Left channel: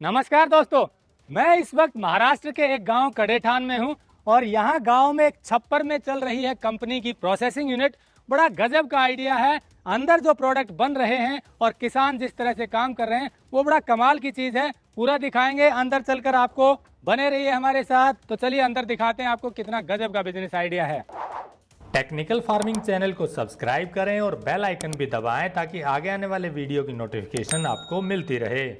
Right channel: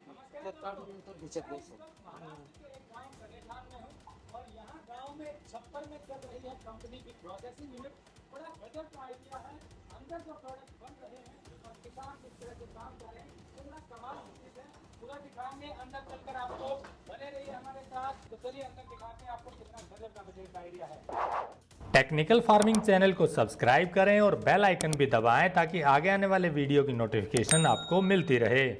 नमस्कार दोस्तों, मैं इस वक्त महाराष्ट्र के एक गांव कड़ेठान में हूं और यहां गांव में एक छप्पर में चल रही है कंपनी की प्रोसेसिंग यूनिट। बड़ा गजब का आइडिया है। अंदर जो प्रोडक्ट बन रहे हैं और किसान जिस तरह से काम कर रहे हैं वो बड़ा कमाल की चीज़ है। पूरा दिखाएंगे अंदर चलकर आपको। बने रहिए हमारे साथ। तो चलिए अंदर दिखाते हैं आपको कितना गजब का बिजनेस आइडिया है। टेक्निकल फार्मिंग चैनल को सब्सक्राइब करें और बेल आइकन भी दबाएं ताकि आगे आने वाले वीडियो की नोटिफिकेशन आपको मिलती रहे।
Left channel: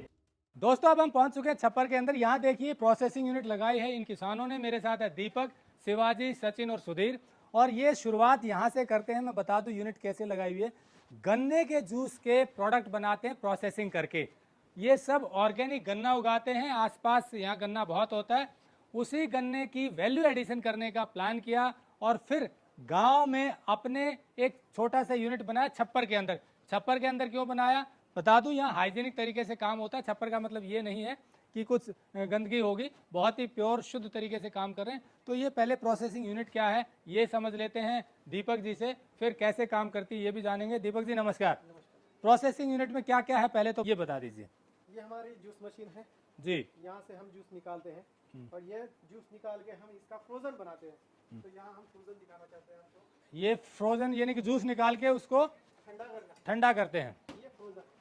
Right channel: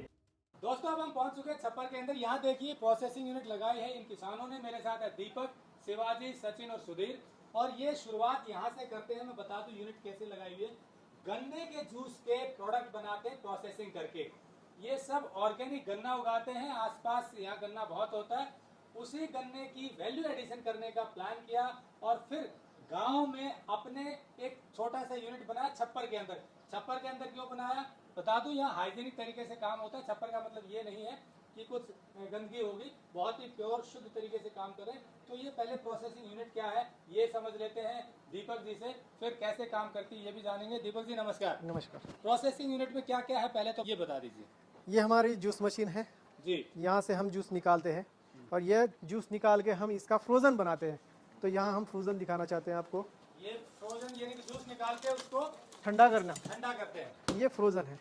दोस्तों अब हम पहुंच चुके हैं छप्पर के अंदर। यहाँ देखिए प्रोसेसिंग यूनिट लगाई है इन किसानों ने। मेरे साथ है दीपक, शिवाजी, सचिन और सुधीर। और ये शुरुआत यहाँ से करते हैं। मैं बता दूं यूनिट कैसे लगाई हुई है। गन्ने के जूस के प्रोडक्ट बनाते हैं प्रोसेसिंग करके। ये सब ऑर्गेनिक गन्ना उगाते हैं। आसपास यहाँ गन्ना बहुत होता है। उसी गन्ने की वैल्यू एडिशन करने का प्लान किया और फिर गांव में अपने एक छोटा सा यूनिट बनाया छप्पर के अंदर। छप्पर के अंदर क्यों बनाया बता दूं, यहाँ हाइजीनिक तरीके से काम होता है। छप्पर का मतलब ये नहीं है कि कुछ गंदगी होगी, बहुत ही प्योर शुद्ध तरीके से काम कर रहे हैं। तो ये पहले प्रोसेसिंग यूनिट क्या है ये समझ लेते हैं दीपक जी से, फिर कैसे काम करती है ये भी जानेंगे। दीपक जी नमस्कार। नमस्कार। प्रोसेसिंग यूनिट में क्या क्या है पहले तो ये बता दीजिए। ये हमारी जूस मशीन है जी। यहाँ से हम जूस निकालते हैं और यह जूस निकाल के हम इसका फ्रोजन बनाते हैं। तो यहाँ हम फ्रोजन दिखाना चाहते हैं आपको। ये फ्रोजन यानी कि जूस निकाल के उसको ठंडा करना, ठंडा करते हैं। ये फ्रोजन है।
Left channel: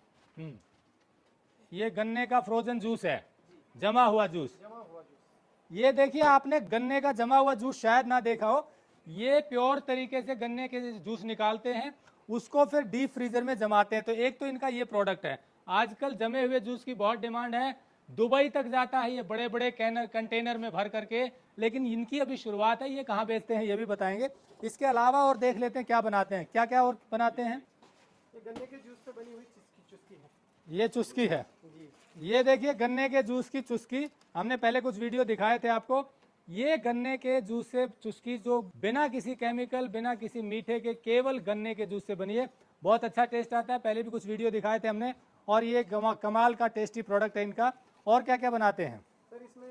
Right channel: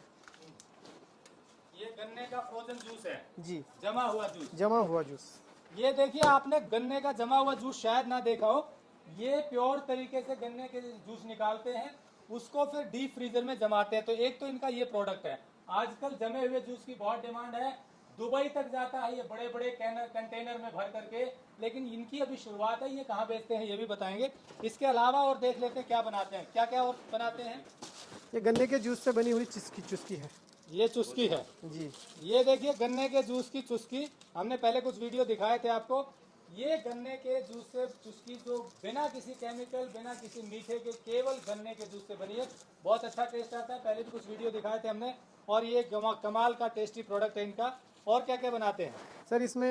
ये गन्ने का फ्रोजन जूस है जी, जमा हुआ जूस। जमा हुआ जूस। ये देखिए आपने गन्ने का जमा हुआ जूस शायद ना देखा हो। ये प्योर तरीके से गन्ने के जूस निकालते हैं, उसको फिर डीप फ्रीजर में जमाते हैं। तो एक तो इनका ये प्रोडक्ट है। आजकल जमे हुए जूस की बहुत डिमांड है। दुबई तक जाता है ये बड़े बड़े कंटेनर में भर करके। लेकिन इनकी अभी शुरुआत है। ये कहाँ बेचते हैं ये भी बताएंगे। इसके अलावा और देख लेते हैं क्या बनाते हैं, क्या क्या और बनाते हैं। ये गन्ने के जूस से बनी हुई चुस्की है। ये चुस्की है जी। ये देखिए गन्ने के जूस की चुस्की। हमने पहले कुछ वीडियो दिखाए थे आपको। ये गन्ने के जूस से चुस्की जो बिना किसी केमिकल बिना किसी मीठे के केवल गन्ने के जूस से बनी है। बहुत अच्छा टेस्ट आता है। पहले भी कुछ वीडियो दिखाए थे हमने। और ये कमाल का टेस्टी प्रोडक्ट है इनका। और क्या क्या बनाते हैं सर इसमें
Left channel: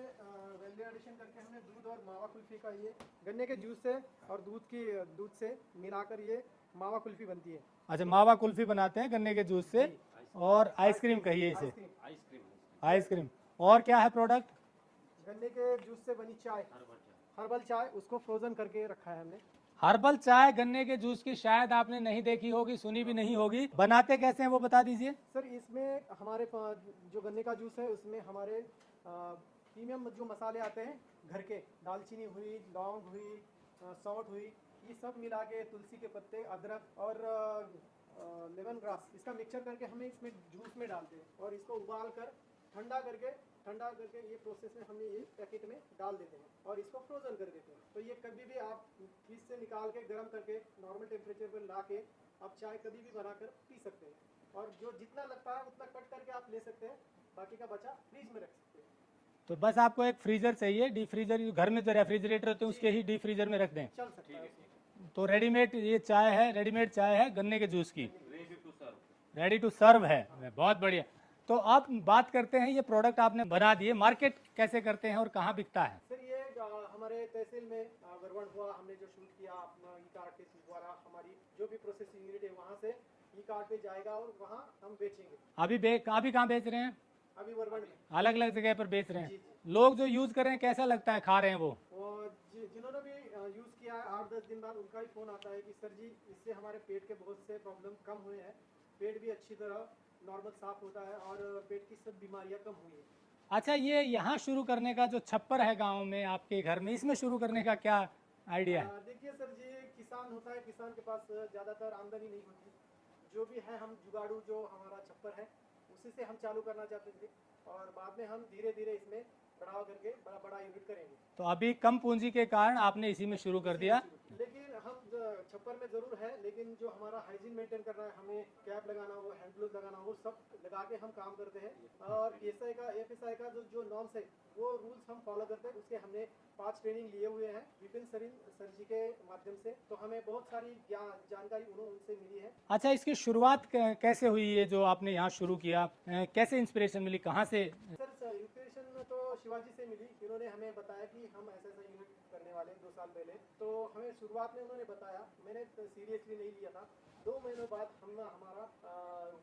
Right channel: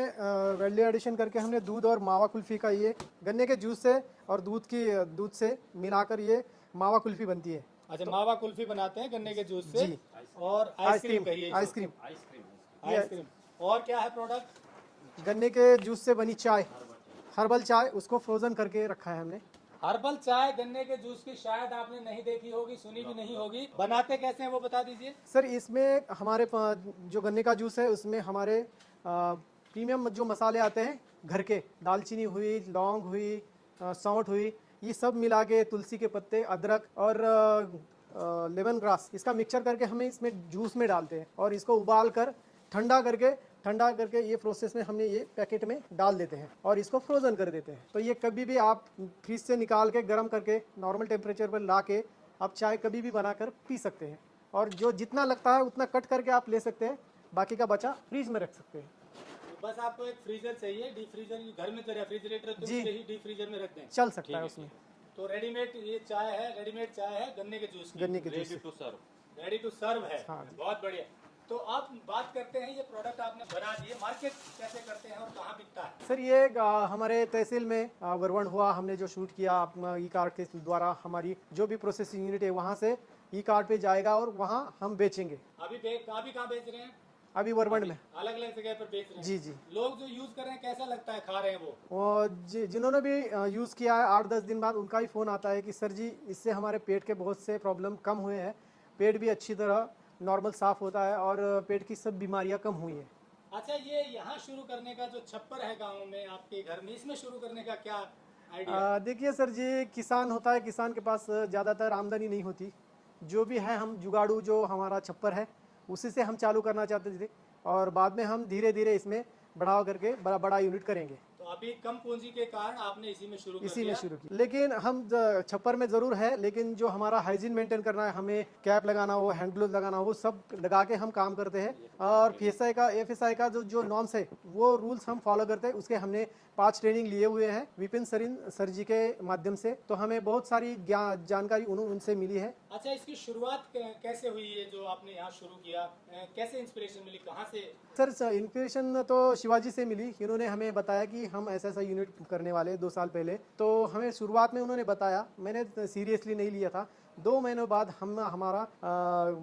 वैल्यू एडिशन करके हमने दूध और मावा कुल्फी का, ये गन्ने के जूस से और दूध से मिलाकर ये मावा कुल्फी बनती है। अच्छा मावा कुल्फी बनाते हैं गन्ने के जूस से। जी। और आइसक्रीम कहिए। आइसक्रीम। आइसक्रीम। और क्या है प्रोडक्ट। गन्ने के जूस से बनी चाय, हर्बल चाय, उसको फ्रोजन करके रखा है हमने। हर्बल चाय गन्ने के जूस की शायद आपने नहीं देखी होगी, सुनी भी नहीं होगी। बनाते कैसे हैं वो बता दीजिए। सर इसमें हमारे जो गन्ने का जूस है उसमें हमारे प्रीमियम जो मसाले आते हैं घर के, दालचीनी हुई, लौंग हुई, सौंठ हुई, ये सब मिला के, तुलसी के पत्ते, अदरक और लेमन ग्रास, इसका मिक्सचर करके हमें इसमें जूस में डालते हैं और इसको उबाल कर ठंडा करके ये प्रोसेस में हमने ये पैकेट में डाल देते हैं और इसको फ्रोजन कर देते हैं। तो ये कभी भी आप फ्रिज से निकाल के गर्म करके नॉर्मल टेम्परेचर पर ला के आप चाय कभी भी बनाकर पी सकते हैं। और जो जितना लगता है उतना कट करके आप ले सकते हैं, बाकी का बचा फ्रीज में रख सकते हैं। तो बस आपको एक फ्रीजर चाहिए, डीप फ्रीजर। घर में जो रेफ्रिजरेटर होते हैं उसके ही डीप फ्रीजर में रख दें, चल सकता है उसमें। तो रेडीमेड ये चाय है, रेडीमेड चाय है गन्ने के जूस की, गन्ने के जूस रेडी टू सर्व है। हाँ। बहुत बढ़िया। तो आप बात करते हैं ये प्रोडक्ट आपने बना दिए, मार्केट कैसे करते हैं और कहाँ बिकता है। सर ये हमारे तहसील में वरवण हुआ, हमने जो शूट किया ई कार्ड के द्वारा, हमारी जो भी प्रोसेसिंग यूनिट है वहाँ से ई कार्ड पे जाएगा और वहाँ हम बेचेंगे। अभी कहाँ बेच रहे हैं। अभी वरवण में अलग अलग जगह पर बेच रहे हैं। जी जी। लोग जो यूज कर रहे हैं कैसा लगता है, खा रहे हैं वो। और जिन्होंने भी यूज़ किया है 8-10 दिन बाद उनका ही फ़ोन आता है कि सर जी इससे हमारे पेट के बहुत से प्रॉब्लम कम हुए हैं, पेट भी अच्छी तरह नॉर्मल साफ़ होता है और पेट की सब बीमारियां कम हुई हैं। अच्छा ये यहाँ शुरू करने का जो छप्पर है गांव में आपके घर में, इसमें शुरू करने का क्या आइडिया है। देखिए सर जी, किसान होता है, किसान के पास ज़्यादातर आमदनी नहीं होती। जो भी है हम जुगाड़ू जो हमारा छप्पर है उसी से हम चालू करना चाहते थे और बाद में हम धीरे धीरे इसमें बढ़ाव करके बड़ा यूनिट करेंगे। तो अभी कम पूंजी के कारण आपने इसी में शुरू कर दिया। लेकिन हम छप्पर में ज़रूर है, लेकिन जो हमारा हाइजीन मेंटेन करना है, हमें कैप लगाना हो, हैंड ग्लोव लगाना हो, वो सब लगा के हम काम करते हैं। और FSI का जो नॉर्म्स है वो रूल्स हम फॉलो करते हैं। उसके हमने 5 ट्रेनिंग लिए हुए हैं विपिन सर जी के माध्यम से। तो हमें बहुत सारी जानकारी उनसे मिली है। अच्छा इसकी शुरुआत कैसे हुई, ये जो आपने यहाँ शुरू किया, कैसे इंस्पिरेशन मिली, कहाँ से। सर इंस्पिरेशन तो शिवाजी से मिली। इन्होंने हमें बताया कि हम ऐसा यूनिट करने वाले 2 साल पहले। तो हमें शुरुआत में उन्होंने बताया, मैंने सीरियसली नहीं लिया था। 2 महीनों बाद हमारा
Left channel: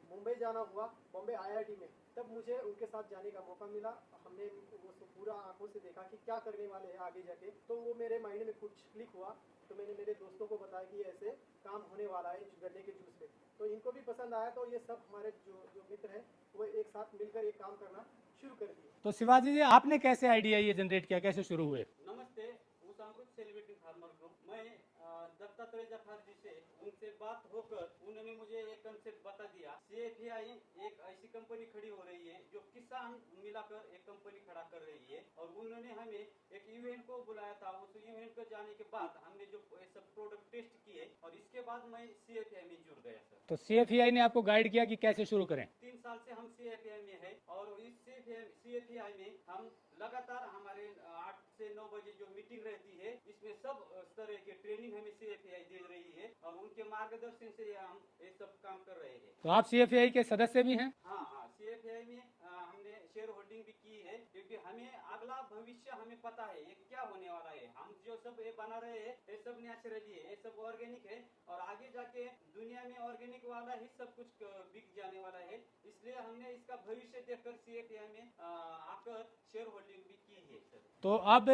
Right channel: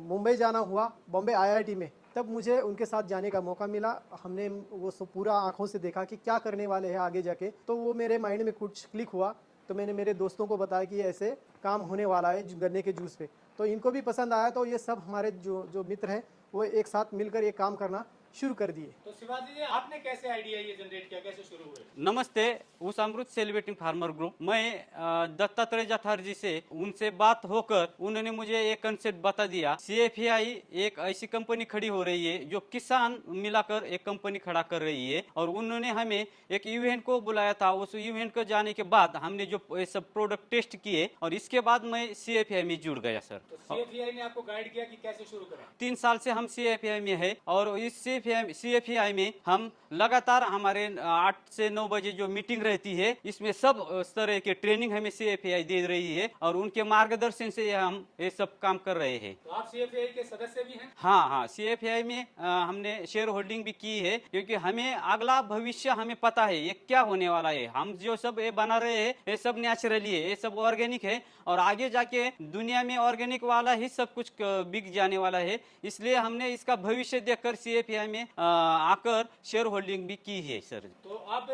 मुंबई जाना हुआ, बॉम्बे IIT में तब मुझे उनके साथ जाने का मौका मिला। हमने वो सब पूरा आंखों से देखा कि क्या करने वाले हैं आगे जाके। तो वो मेरे माइंड में कुछ क्लिक हुआ, तो मैंने मेरे दोस्तों को बताया कि ऐसे काम होने वाला है गन्ने के जूस पे। तो इनको भी पसंद आया, तो ये सब हमारे जो मित्र हैं वो एक साथ मिलकर ये काम करना शुरू कर दिए। तो शिवाजी जी, आपने कैसे आइडिया ये जनरेट किया, कैसे शुरू हुए? नमस्ते, उस अमृत सेलिब्रेटिंग फार्मर ग्रुप। मैं दत्तात्रेय जाठर जी से उनसे बात होकर उन्होंने मुझे एक कंसेप्ट बता दिया। CFAI एक ऐसी कंपनी खड़ी हो रही है जो किसान मिलाकर एक कंपनी खड़ा कर रही है, और उन्होंने हमें एक इवेंट को बुलाया था। उस इवेंट को जाने के बाद हमने जो ये सब प्रोडक्ट टेस्ट किए, और इसके बाद मैं CFAI में जुड़ गया सर। तो CFAI ने आपको गाइड किया कि कैसे शुरू करें? 3 साल से हम CFAI में है, और इस CFAI में हम लगातार हमारे 8 से 9 बजे जो मीटिंग रहती है, इसमें सब तरह के ट्रेनिंग हमें CFAI दे रही है, और उनके मार्गदर्शन से हम ये सब काम कर रहे हैं। तो आप CFAI के सदस्य भी हैं? हाँ, CFAI में हमने शेयर होल्डिंग भी की है, क्योंकि हमें अगला भविष्य हमें पता है ये क्या होने वाला है। हम जो सब ये बना रहे हैं ये सब नेचुरली है, ये सब ऑर्गेनिक है, और आगे जाके दुनिया में ऑर्गेनिक वाला ही सब कुछ बिक जाने वाला है। इसलिए हमने इसका भविष्य देखकर CFAI में आकर शेयर होल्डिंग भी की है सर। तो अब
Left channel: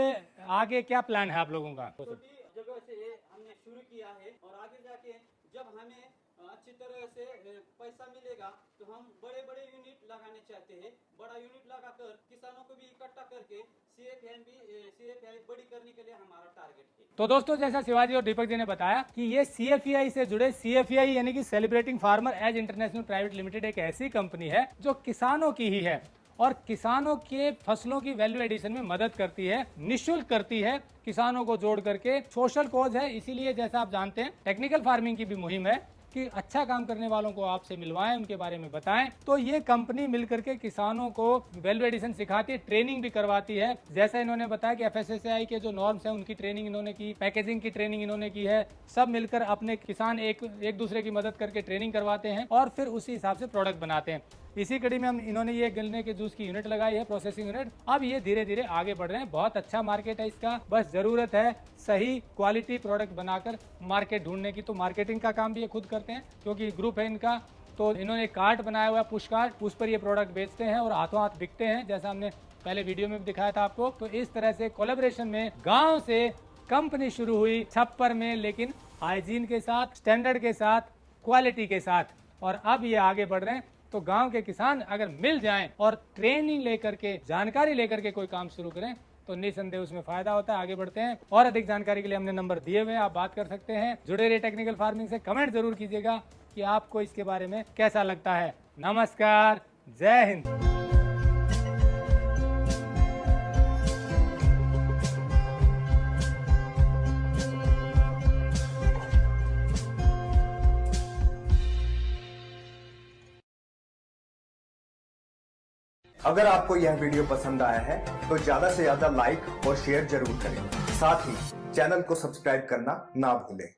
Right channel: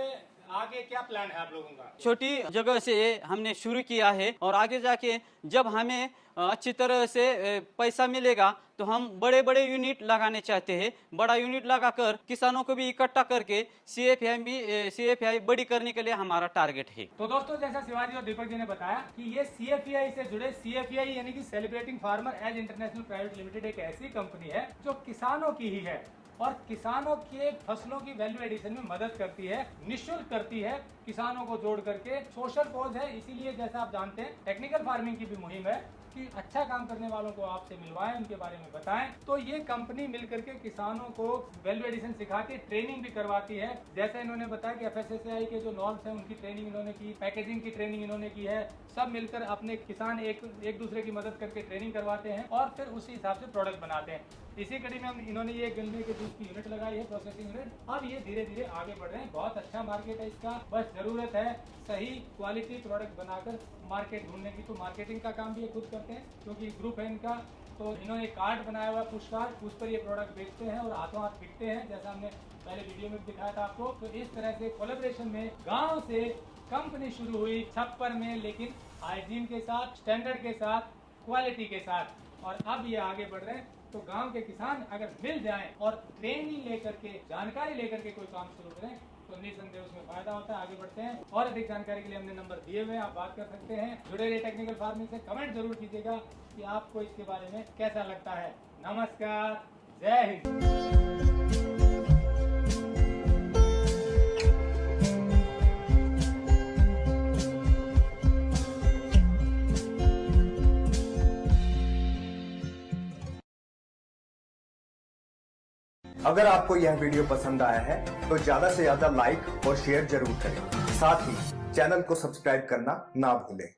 आगे क्या प्लान है आप लोगों का? छोटी जगह से हमने शुरू किया है, और आगे जाके जब हमें अच्छी तरह से पैसा मिलेगा तो हम बड़े बड़े यूनिट लगाने चाहते हैं। बड़ा यूनिट लगाकर किसानों को भी इकट्ठा करके CFAI बड़ी करने के लिए हमारा टारगेट है। तो दोस्तों, जैसा शिवाजी और दीपक जी ने बताया कि ये CFAI से जुड़े, CFAI यानी कि celebrating farmer as international private limited एक ऐसी कंपनी है जो किसानों की ही है, और किसानों के फसलों की वैल्यू एडिशन में मदद करती है, निःशुल्क करती है, किसानों को जोड़ करके। सोशल कॉज है, इसीलिए जैसा आप जानते हैं टेक्निकल फार्मिंग की भी मुहिम है कि अच्छा काम करने वालों को आपसे मिलवाएं, उनके बारे में बताएं। तो ये कंपनी मिलकर के किसानों को वैल्यू एडिशन सिखाती है, ट्रेनिंग भी करवाती है। जैसे इन्होंने बताया कि FSSAI के जो नॉर्म्स हैं उनकी ट्रेनिंग इन्होंने की, पैकेजिंग की ट्रेनिंग इन्होंने की है। सब मिलकर अपने किसान एक दूसरे की मदद करके ट्रेनिंग करवाते हैं, और फिर उसी हिसाब से प्रोडक्ट बनाते हैं। इसी कड़ी में इन्होंने ये गन्ने के जूस की यूनिट लगाई है, प्रोसेसिंग यूनिट। अब ये धीरे धीरे आगे बढ़ रहे हैं, बहुत अच्छा मार्केट है इसका। बस जरूरत है सही क्वालिटी प्रोडक्ट बनाकर मार्केट ढूंढने की। तो मार्केटिंग का काम भी ये खुद करते हैं, क्योंकि ग्रुप है इनका। तो इन्होंने कार्ट बनाया हुआ है, पुश कार्ट, उस पर ये प्रोडक्ट बेचते हैं और हाथों हाथ बिकते हैं, जैसा हमने पहले वीडियो में भी दिखाया था आपको। तो इस तरह से कोलैबोरेशन में गाँव से कंपनी शुरू हुई छप्पर में, लेकिन हाइजीन के साथ, स्टैंडर्ड के साथ, क्वालिटी के साथ, और अब ये आगे बढ़ रहे हैं। तो गांव के किसान अगर मिल जाएं और ट्रेनिंग लेकर के, जानकारी लेकर के कोई काम शुरू करें तो निसंदेह उसमें फायदा होता है। आगे बढ़ते हैं, और अधिक जानकारी के लिए हमने नंबर दिए हुए हैं, आप बात कर सकते हैं। जुड़े रहिए टेक्निकल फार्मिंग से। कमेंट जरूर कीजिएगा कि आपको इसके बारे में कैसा लगता है। नमस्कार, जय हिंद। अगर आपको यह वीडियो पसंद आया है तो ज्यादा से ज्यादा लाइक और शेयर जरूर करें। साथ ही चैनल को सब्सक्राइब करना ना भूलें।